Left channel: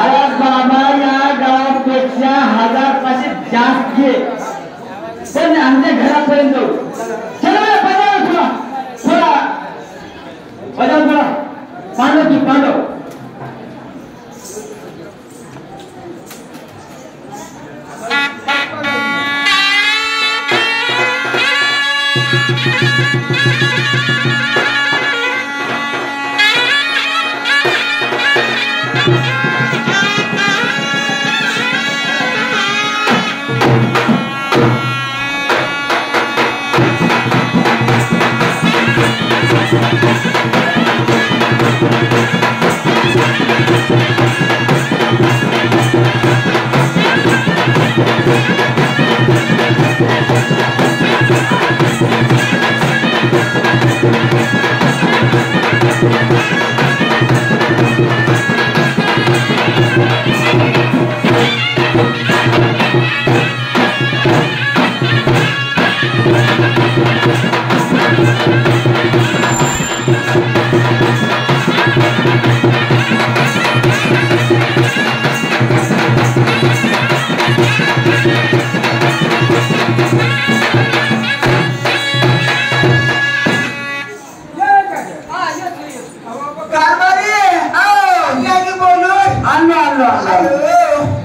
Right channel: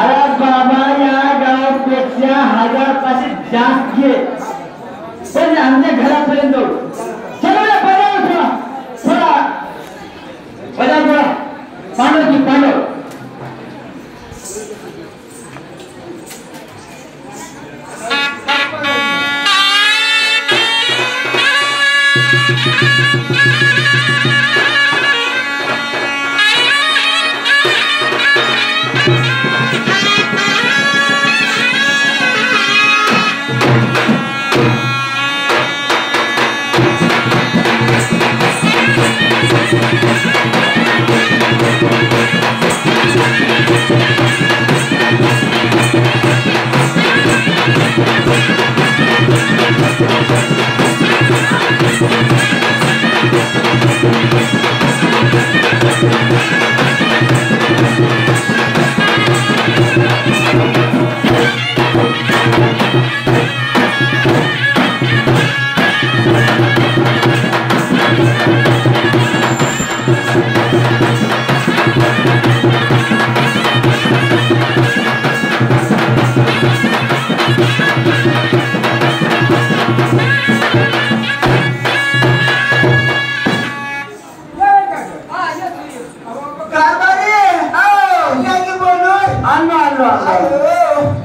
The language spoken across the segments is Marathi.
अरे बाबा या गावापेक्षा 1000 जास्त घे पण आमच्या घरापर्यंत जाऊ. चला ना पदावर थोडा पांडव की पांडव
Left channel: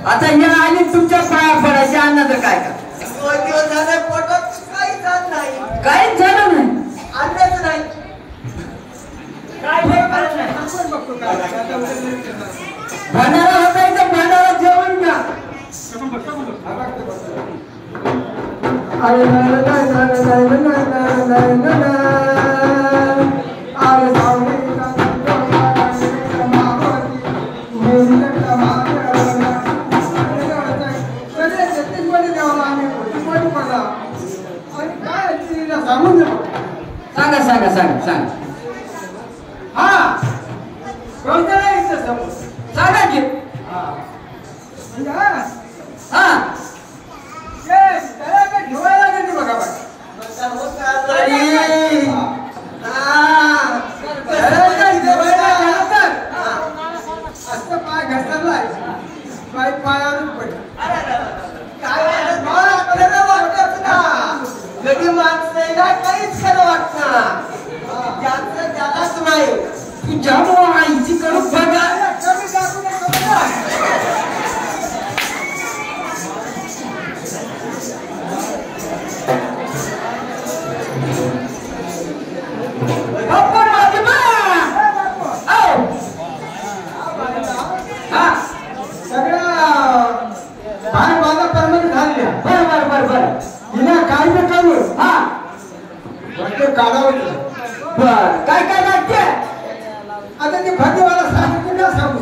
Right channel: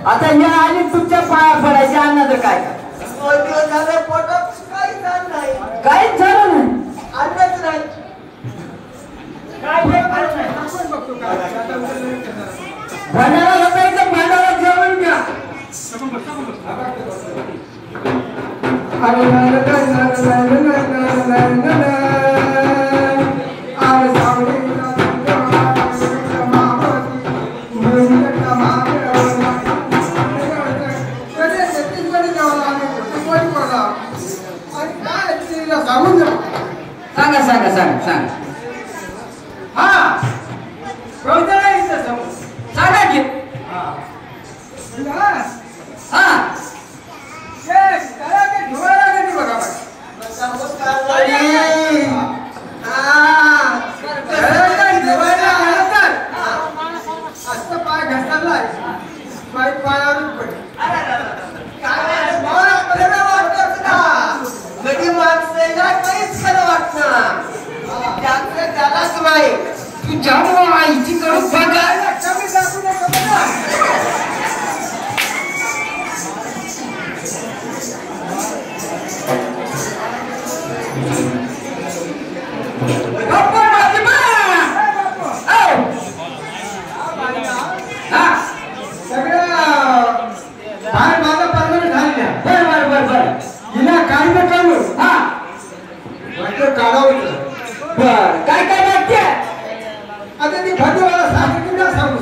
आता या आणि तुमच्या पाया पडायचे अन्न तर काय का काहीच झालं नाही अन्नच नाही भंडारा होता भंडारा जेवण घ्या सांगा सांगा सांगा सांगा हा सांगा की हा काहीच खरं वाटतं त्यालाच नाही तुझ्या आईची करू बघायला कमी दाखवू नका काय काय लागते आता ते भाजीवाला सांगितलं सांगू